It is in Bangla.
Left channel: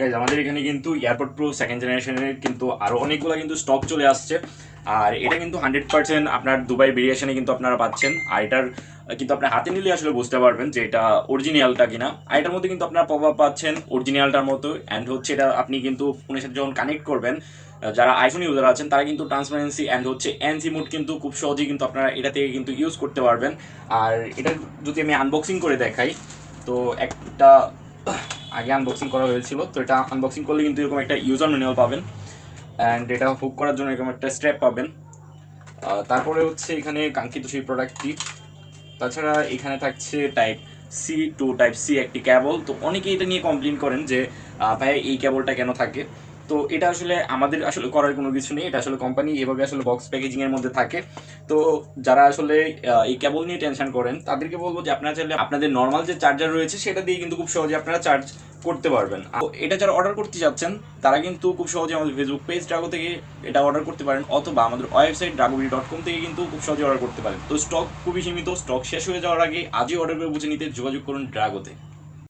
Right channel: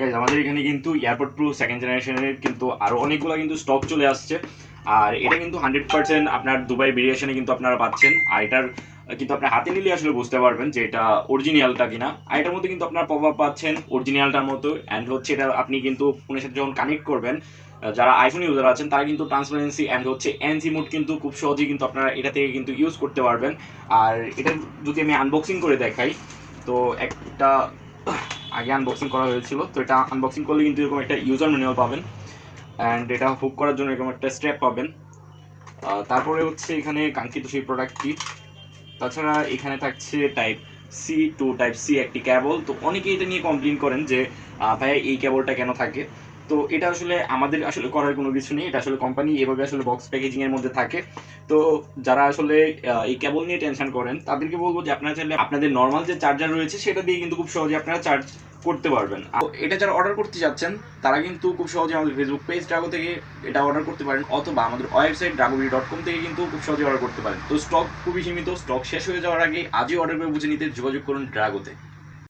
গাইজ আমাদের এখানে কিন্তু এয়ারপড প্রো সেকেন্ড জেনারেশনের কিন্তু আরও অনেকগুলো কিন্তু স্টক চলে আসছে। আর এটা কিন্তু 100% আপনার দুবাই ভেরিয়েশনে কিন্তু আপনারা পাচ্ছেন। আর এটার কিন্তু আপনার হাতে নিলে আসলে বুঝতে পারবেন যে এটা অরিজিনালটা কিনা। আর এটার মধ্যে কিন্তু আপনার পপ আপ পাচ্ছেন অরিজিনালটার মতো। অ্যান্ড হচ্ছে এটা আপনি কিন্তু ফোনের সাথে যখন কানেক্ট করবেন, যারা আইফোন ইউজার আছেন তারা কিন্তু ট্রান্সপারেন্সি অ্যান্ড হচ্ছে এনসি মোড কিন্তু খুব সহজেই কিন্তু আপনারা এটা থেকে কিন্তু ইউজ করতে পারবেন। আর এটা যদি আমি আনবক্সিং করে দেখাই, তো একটা আগে আনবক্সিং করা হয়েছিল, তো এটা আনবক্সিং করলে কিন্তু এরকম একটা ইউজার ম্যানুয়াল পাবেন। অ্যান্ড এটা হুক করার জন্য এরকম একটা স্ট্র্যাপ পাবেন। তারপরে হচ্ছে এখানে কাঙ্ক্ষিত সেই প্রোডাক্টটি। তাছাড়া এখানে থাকছে type C to type C একটি ক্যাবল। তো অনেকেই এটা নিয়ে কমপ্লেন করেন যে ভাই এই ক্যাবলটা কেন থাকে। তো এটা আসলে আমাদের আসলে করার কোনো কিছু নেই, এটা আসলে কোম্পানি এভাবে আসলে বক্স প্যাকেজিংয়ের মধ্যে থাকে। তো যারা আসলে এই কেবল নিয়ে টেনশন করেন তাদেরকে বলবো যে আপনারা চাইলে আপনাদের নর্মাল যে চার্জার রয়েছে সেটা দিয়ে কিন্তু খুব সহজে আপনারা চার্জ করতে পারবেন। আর এটা যারা অর্ডার করতে যাচ্ছেন তারা কিন্তু খুব সহজে আমাদের ফেসবুক পেজ ড্রাগো থেকে এটা অর্ডার করতে পারেন, অথবা আমাদের ওয়েবসাইট dragobi.com থেকে কিন্তু খুব সহজে অর্ডার করতে পারেন। তো স্টক খুবই সীমিত, স্টক শেষ হয়ে যাওয়ার আগে আজই অর্ডার করে বুঝে নিতে যোগাযোগ করুন ড্রাগোতে।